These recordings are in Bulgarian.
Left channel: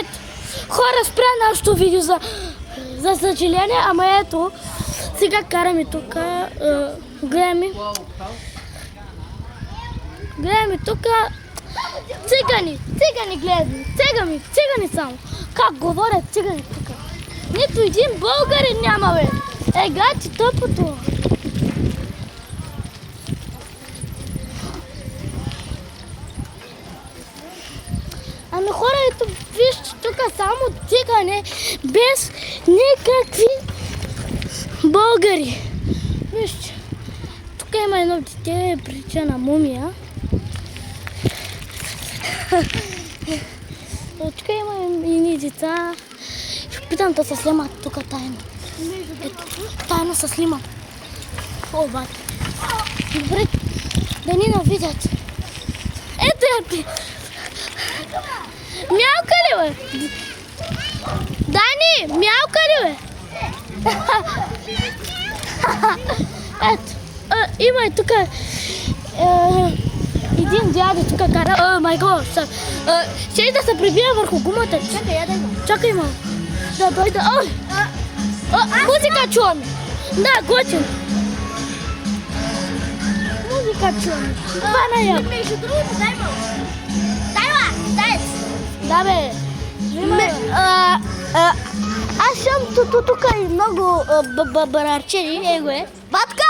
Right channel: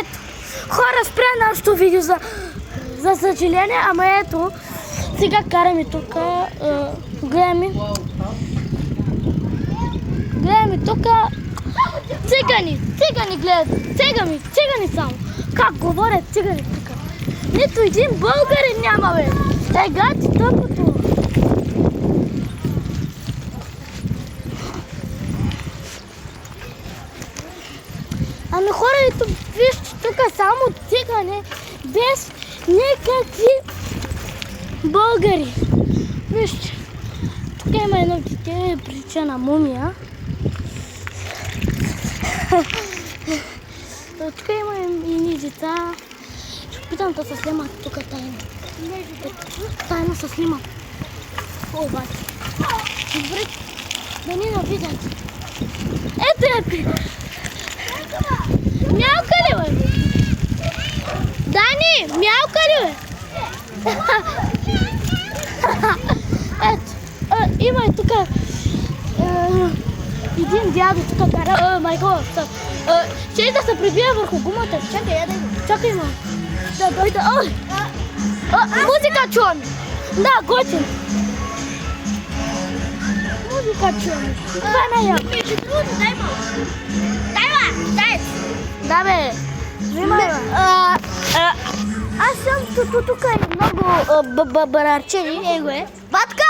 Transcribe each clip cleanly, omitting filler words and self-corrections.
Ето, хора, спря нашето видео за съжаление, ама ето, сега караме тук, гледаме тук, цигани гледат, цигани само, как говорят цигани тук. Нито един българин няма, бе. Гледайте тъпото. Ами хора, ето, вижте тук само цигани, без никакви българи. Вижте, тук има едно дете, прилича на мумия. Тук има и деца. Ще опитам да се снимат тук тайно. Тайно се снимам. О, бати. Добре, да ни навидят. Ето я. Мялка ли, бе? Дани, мялка ли, бе? Ето, има и тук един дядо тук кара, май гот, ще да се прибия върху гумата. Чакай, я дай го. Чакай ме. Да дойде. Музика чуваме. Да, готин. Музика чуваме. Това е най-яко. Между другото, дай малко. Дай. Да, бе. Аз съм тук и много барарчени. Него е. Батка!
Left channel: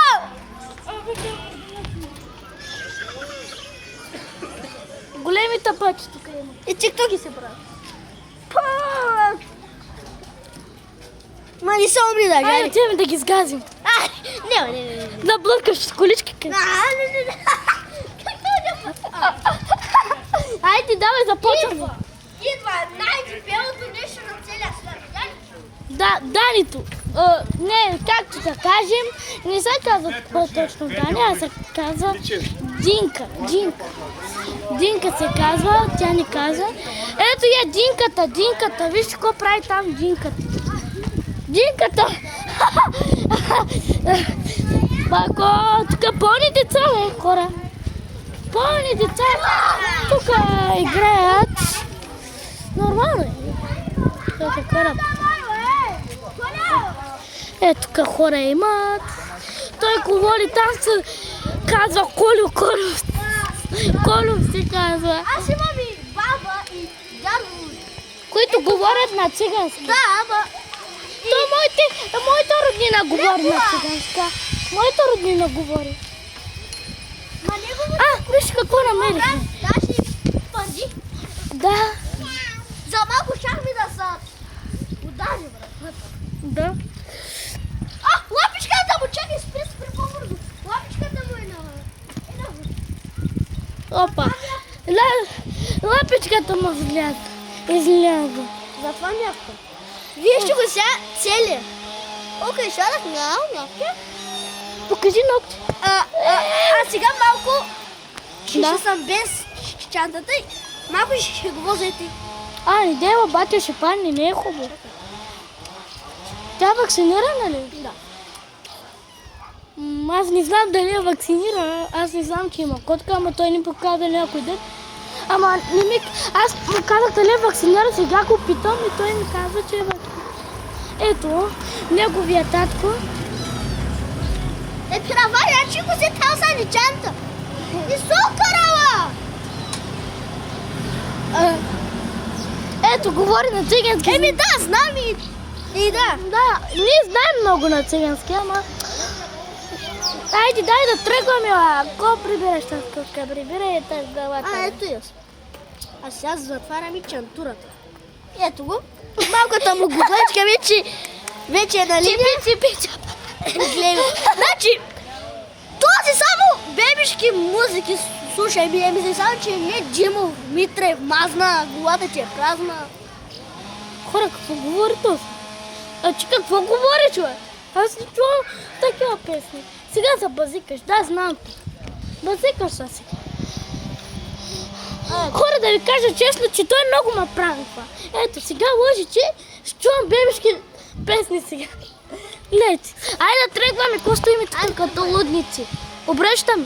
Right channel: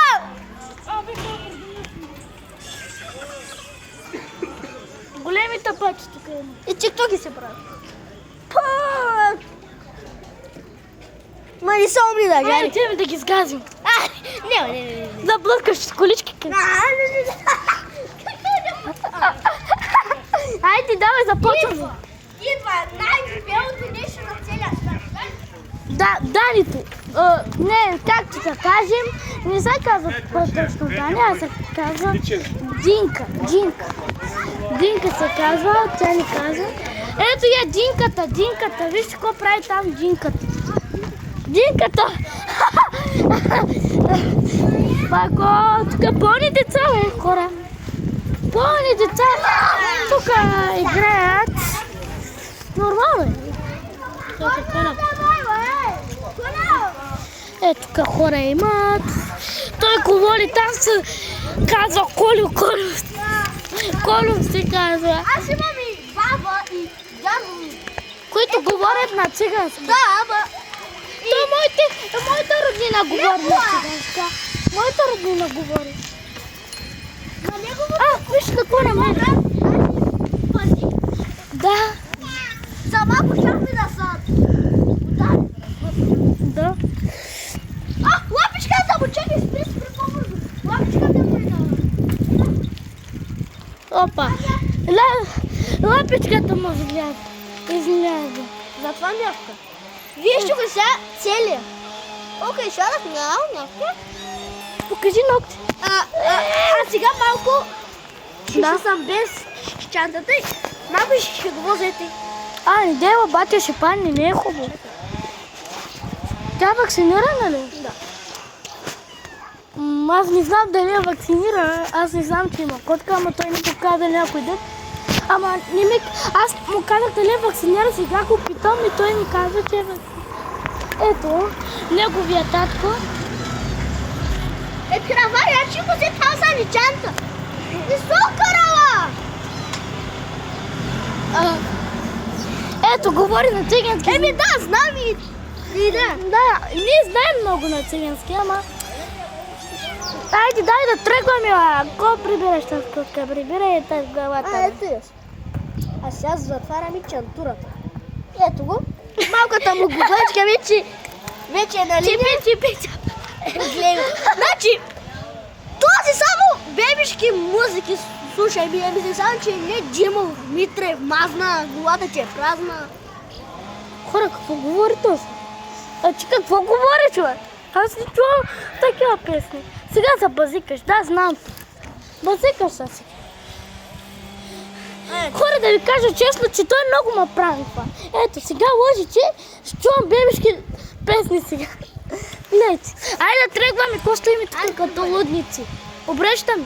Големи тъпачи тук е. И тиктоки се правят. Ма не са умни даже. Айде, отиваме да ги сгазим. Не. Да блъскаш с колички. Айде, давай, започваме. Идва най-дебелото нещо на целия свят. Да, Данито. Не, както да кажем, не се казва точно Дани, а се казва Динка. Динка се казва, тя ни казва. Ето я Динката. Виж какво прави там Динката. Пако, тук пълни деца, бе, хора. Пълни деца тук играят. Нормално е. Ето тук хора имат. Той говори, там се казва Колю. Колю се казва. Аз имам и баба и дядо. Които говорят на цигански. Да, ама... Моята роднина говори на циганска. Моята роднина говори. Ма не говори. Виж какво намери. Значи пъти. Да. За малко щяхме да са... Да. Лапичката му, чакай, спри по-бързо. Лапичката му е долу. Опа. Лапичката му изляза. Затова някаква. Вие ще го сега целия. Окей, шарах някаква. Покажи ногти. А сега малко ще Да. съм без чантата и малко ще го возете. Не дева, батя ще падне, не е хубаво. Тя вакцинирана ли? Да. Аз не знам дали е вакцинирана, аз не знам, че има котка, ама той не показа някой ден. Ама не ми... Аз му казах дали е вакциниран, сега го питам и той ми казва, че е вакциниран. Ето, неговия татко. Пираваря, че го се таза ни чанта. И сокарала! Ето, говори на цигански. Да, знам и да. Да, ние знаем много на цигански, ама... Айде, дай да тръгваме, ако прибираш тази котка, прибирай тази главата. Ето я. А сега затварям и чантурата. Ето го. Малката му губачка вече е на линия. Чипи. Значи, този само бебешки музики слушай, ми само, че не Димов, Митрев, мазна, главата, че е празна. Хора, какво говори този? Че какво говори, човек? Аз не чувам такива песни. Сега се базикаш, да, знам. Базикаш се. Хора, да ви кажа честно, че той много ме прави това. Ето, сега лъжи, че ще чувам бебешки песни сега. Гледайте. Айде да тръгваме, какво стоим тук като лудници. Обръщаме.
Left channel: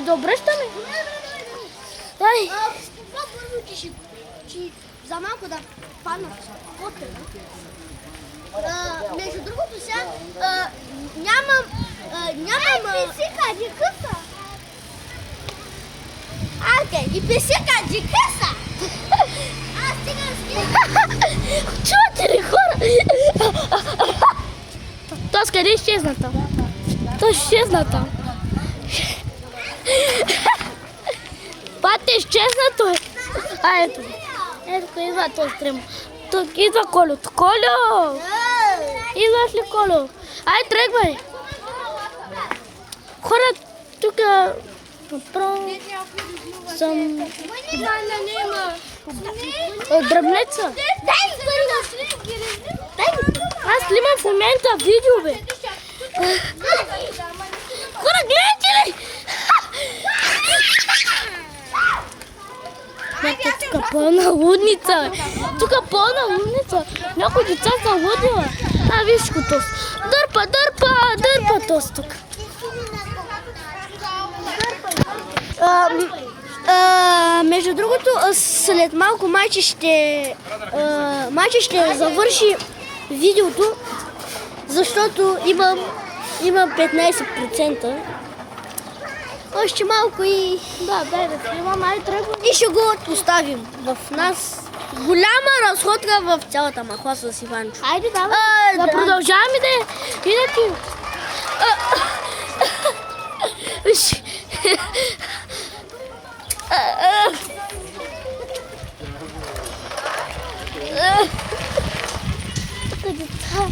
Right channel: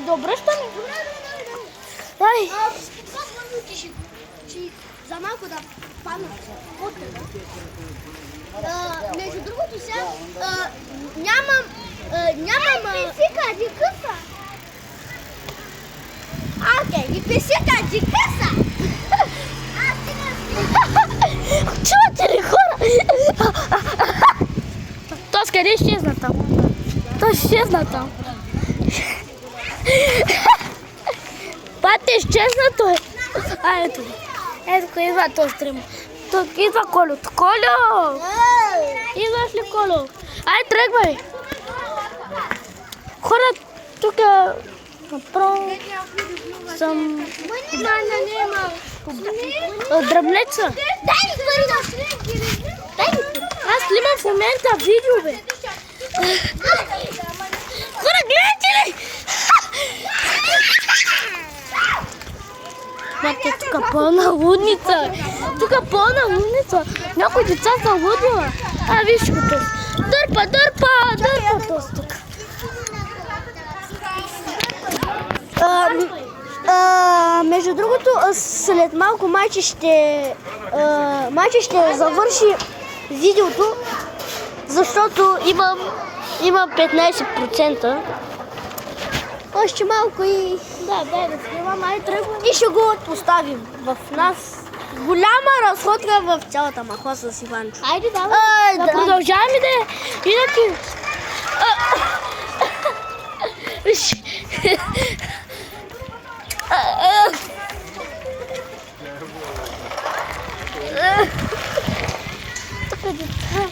Да обръщаме. Ай. За малко да паднат потъна. Между другото сега нямам... Писика, къса. Ни писика, къса. Чувате ли, хора? Тос къде изчезна там? Той изчезна там. Пате, изчезна той. Ето. Ето, идва този стрима. Идва Колю. Колю! Идваш ли, Колю? Ай, тръгвай. Хора, тук направо съм... Дръбнеца. Дай ми пари. Аз снимам в момента видео, бе. Хора, гледайте ли? Бате, тук пълна лудница, бе. Тук пълна лудница. Някои деца са лудила. Виж го тос. Дърпа тос тук. Между другото, след малко майче ще завърши видеото, защото имам 15%. Още малко и... Да, дай да снимам, ай тръгвам. И ще го оставим в нас. Голяма разходка в цялата махла с Иванчо. Айде, давай. Да продължаваме да иначе. Тук деца.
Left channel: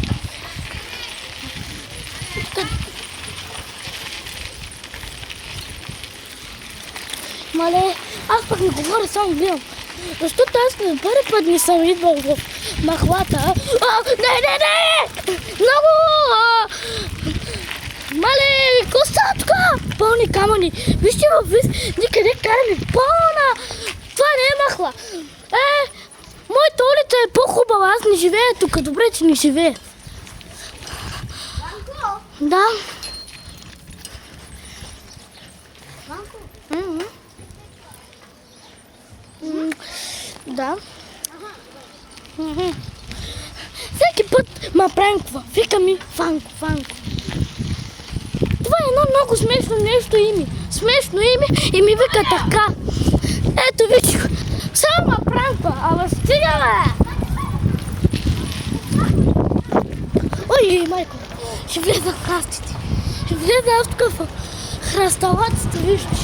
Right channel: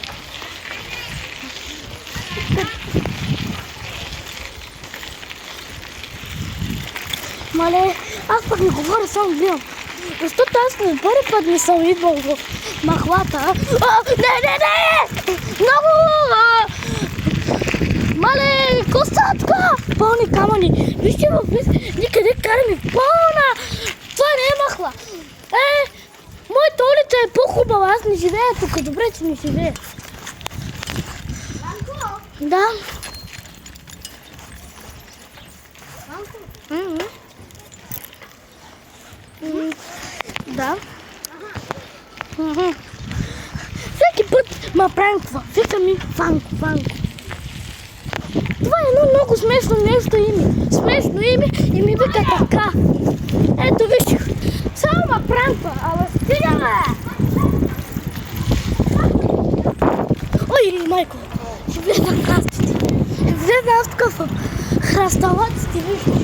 Мале, аз пък не говоря, само гледам. Защото аз първи път не съм идвал в махлата. Не! Много! Мале, коса тук! Пълни камъни. Вижте, никъде караме пълна. Това не е махла. Моята улица е по-хубава. Аз не живея тук. Добре, че не живея. Да. Да. Всеки път ме правим това. Вика ми Фанко. Това е едно много смешно нещо име. Смешно име и ми вика така. Ето виж. Само ме пранква, ама стига, бе! Ой, майко, ще влезна в храстите. Ще влезна аз тук в храсталаците, виждаш.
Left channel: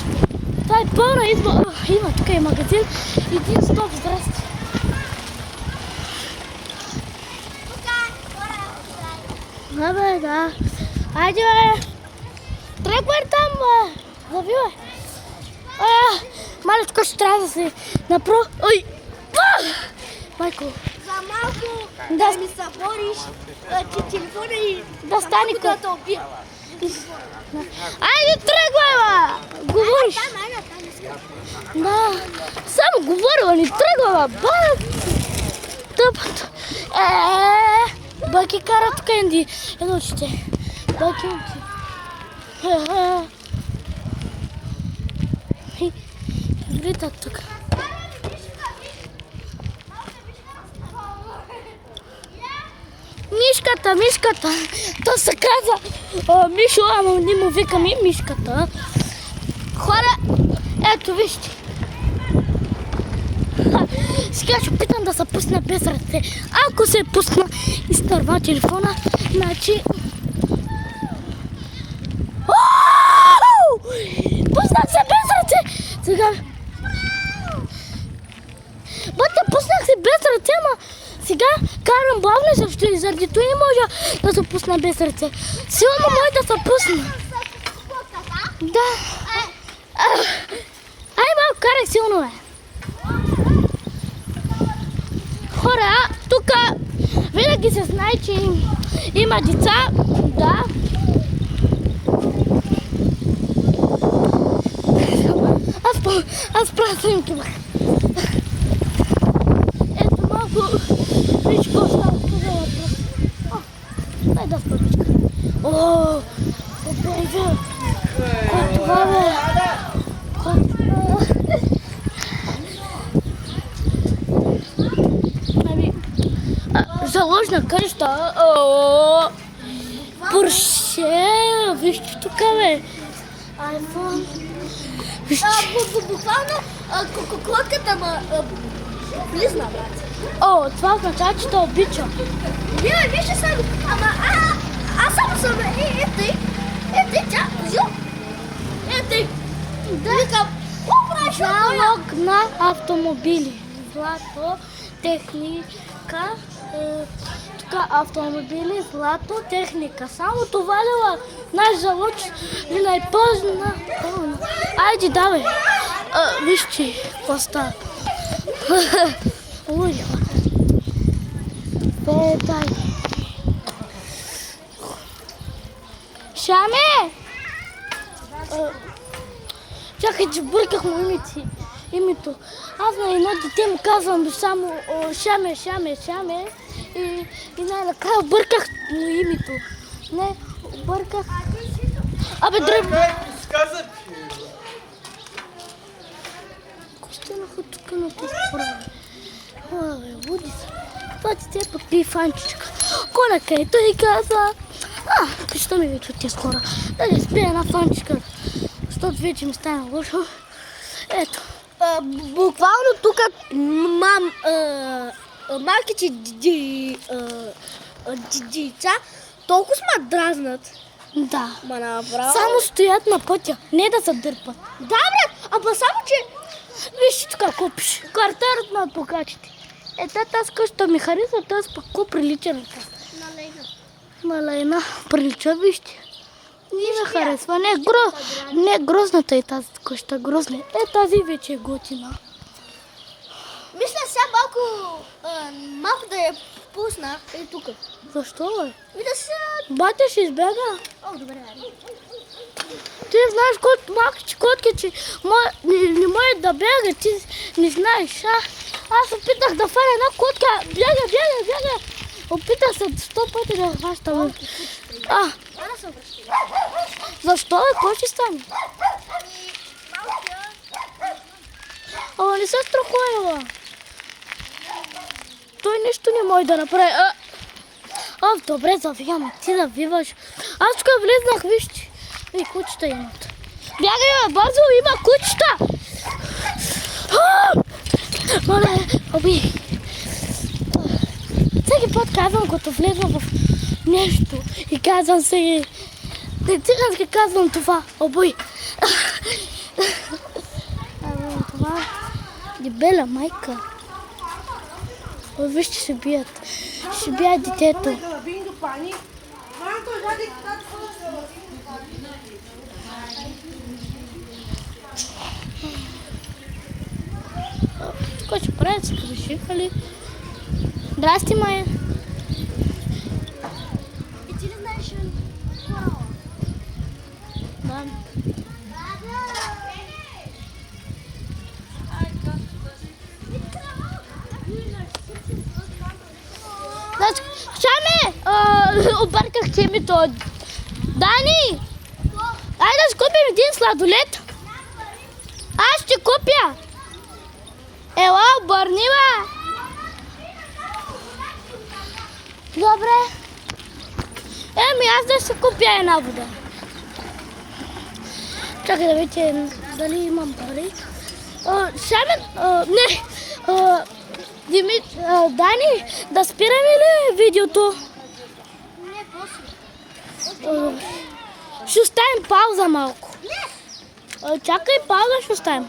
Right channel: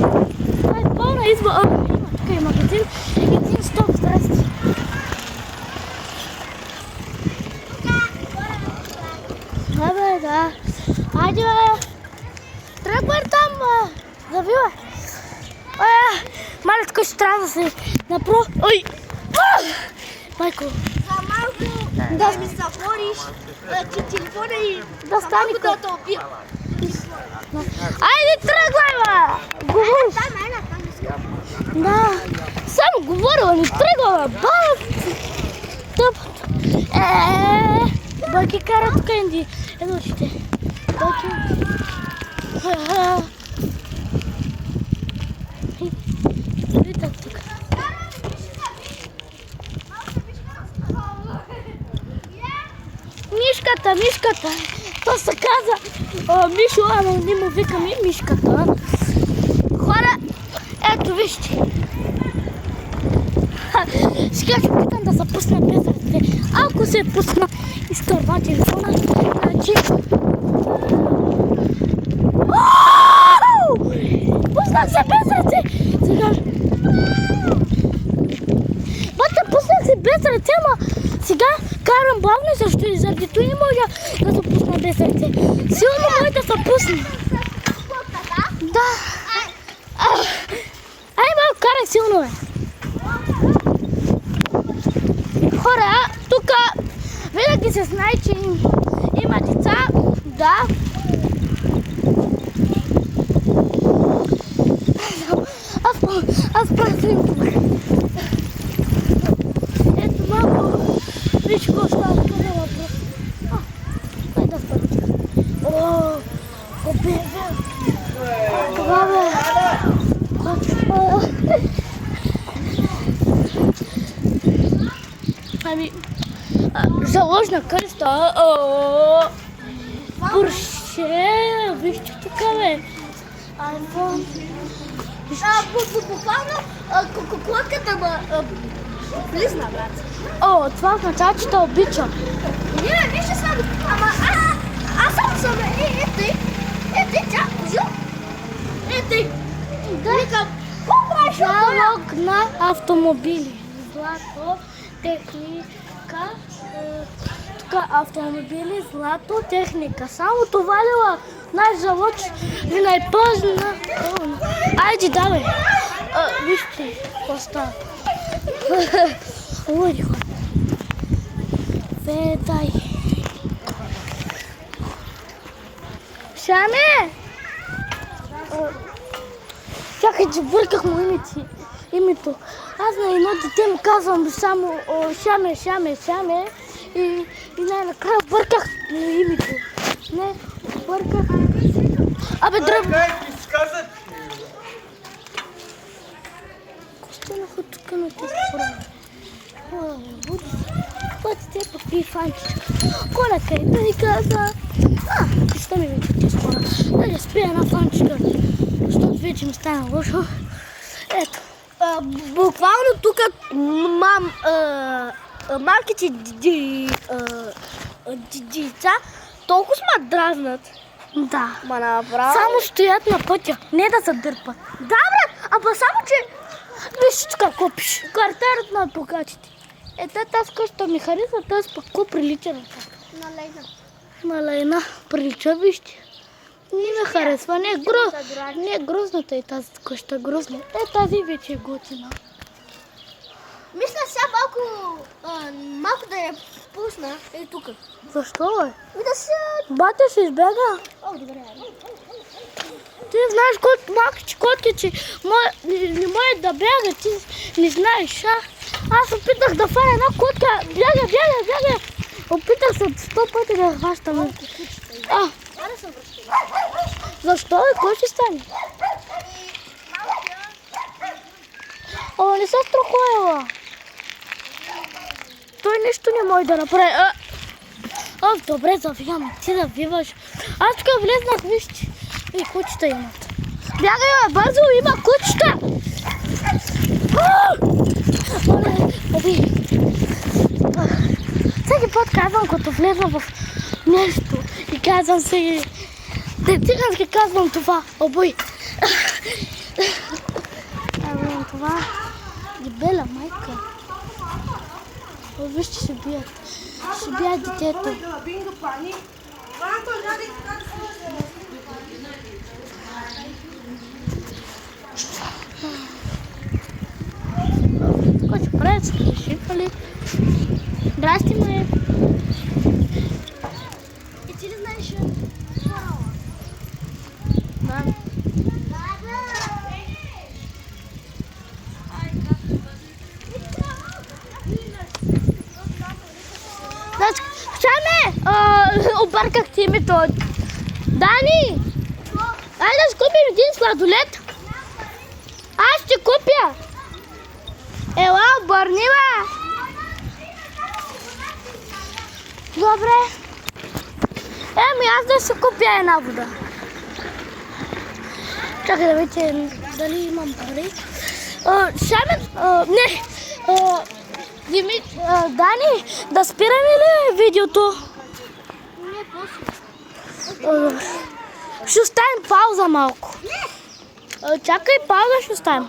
Това е пълна изба. Има, тук е магазин. Един стоп, здрасти. Да, бе, да. Айде, бе. Тръгвай там, завивай. Мале, тук ще трябва да се направо. Ой! Майко. За малко да ми събориш телефона и да стане да те убия. Айде, тръгвай, бе! Говориш. Да. Само говорила, не тръгва, бе. Тъпът. Баки кара тук едно чете. Баки. Влитат тук. Мишката. То се каза Мишо, ама не му викаме мишката. Хора, ето вижте. Сега ще питам да се пусна без ръце. Ако се пусна, изтърва телефона, иначе... Пуснах се без ръце! Сега... Бата, пуснах се без ръце, ама сега карам бавно и също и заради това не може да се пусна без ръце. Силно може да се пусне. Да. Ай, малко карай силно, бе. Хора, тук винаги се знае, че има деца. Да. Аз правя снимки. Ето малко. Виж какво става тук за въпрос. Дай да спъпичка. Обирвил. Това, бе. Ами, заложна къща. Порше, вижте тук, бе. iPhone. Вижте. Буквално котката близна, брат. О, това означава, че те обичам. Не, вижте само. Ама аз само съм. Ей, тя, взел. Ей, Да. викам, какво правиш? Залог на автомобили. Злато, техника. Тук автомобили, злато, техника. Само това ли наш залог ви най-позна. Айде, давай. Вижте, какво става. Луди хора. Дай. Шаме! Чакай, че бърках му името. Аз на едно дете му казвам само Шаме. И най-накрая бърках името. Не, бърках. Абе, дръб. Костанаха тук на тези хора. Буди се. Това ти те подпи фанчичка. Конака и той каза. Защо ми викат тези хора? Да ли спия една фанчичка, защото вече ми стана лошо. Ето. Буквално тук малките деца толкова ме дразнат. Да. Ма направо. Само стоят на пътя, не да се дърпат. Да, брат, ама само, че... Виж тук какво пише. Кварталът на адвокатите. Тази къща ми харесва, тази пък какво прилича на това. На Лейна прилича, вижте. Не ме харесва, не грозната е тази къща, грозна. Тази вече е готина. Мисля сега малко да я пусна и тук. Защо, бе? И да се... Батя ще избяга. О, добре. Ти знаеш колко малки котки, че не може да бяга, ти не знаеш, Аз опитах да фаня една котка, бяга. Опитах се 100 пъти да хващам. Защо, бе? Кой ще стане? Ама не се страхува. Той нищо не може да направи. Добре, завивам. Ти завиваш. Аз тук влезнах, вижте. И кучета имат. Бягай, бе, бързо, има кучета. Мале, оби. Всеки път казвам, като влезна в нещо и казвам се... Цигански казвам това. Обой. Казвам това. Дебела майка. Вижте, ще бият. Ще бият детето. Какво ще правят? Са решихали. Здрасти, Майя. И ти ли знаеш? Да. Шаме! Обърках ти името. Дани! Айде да купим един сладолет. Аз ще купя. Ела, обърни, бе. Добре. Аз да си купя една вода. Чакай да видите дали имам пари. Дани, да спираме ли видеото? Не, после. Ще оставим пауза малко. Чакай, пауза ще оставим.